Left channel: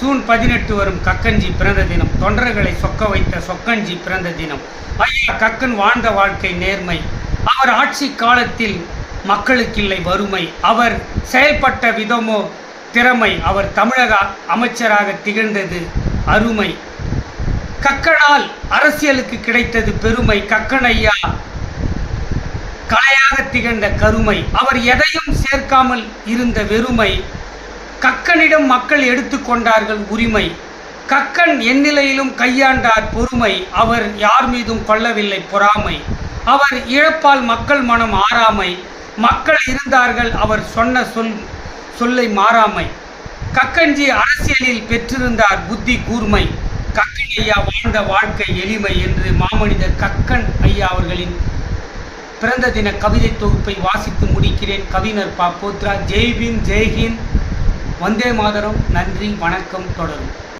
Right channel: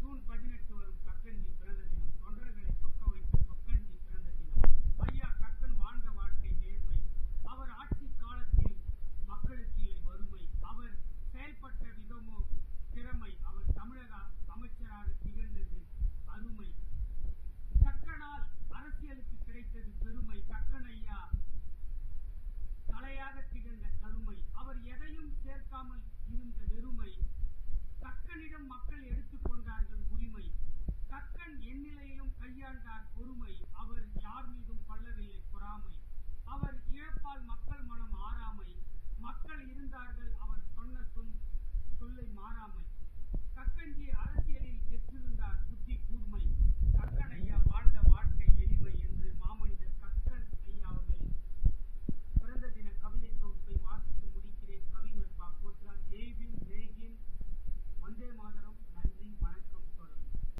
June 18 வரும் கக்கன்ஜி பிறந்த தினம். தொண்டர்களை சொக்க வைத்த சொக்கன்ஜி பிறந்த தினம். ஐயா கக்கன் வாழ்ந்த வாழ்க்கை நேர்மை. அவர் ஆட்சி காலத்தில் மக்களுக்கில்லை வறுமை. அவர் செயல்பட்ட விதமோ திறமை. அவர் தமிழக அமைச்சராக திகழ்ந்தது அருமை. கக்கனால் அரசியலுக்கு கிடைத்தது பெருமை. கக்கன் ஐயா கலையாக திகழ்ந்த கருமை. அவர் எதையும் சேர்க்காமல் இருந்த வெறுமை. கக்கனிடம் மக்கள் எடுத்துக்கொண்டார்கள் உரிமை. கக்கன் எந்நிலையிலும் கையாண்டார் பொறுமை. அவர் யார் மீதும் கொள்ளவில்லை பொறாமை. அவர் இழப்பால் மக்கள் மனம் ஆறாமை. மக்கள் இருந்தார்கள் அவர் சொன்ன சொல்லை மாறாமை. கக்கன்ஜி அரசியலில் பெற்றிருந்தார் புத்தி கூர்மை. கக்கன் ஐயா வாழ்ந்த வாழ்க்கை எளிமை என்று மாமனிதர் கக்கன் ஐயா அவர்களின் பிறந்த தின கவிதை தொகுப்பை வாசித்து முடிக்கிறேன். கவிஞர் பா. போத்ரா. ஜெய் பீம், ஜெய்ஹிந்த், வந்தே மாதரம். நன்றி, வணக்கம். தொடரும்.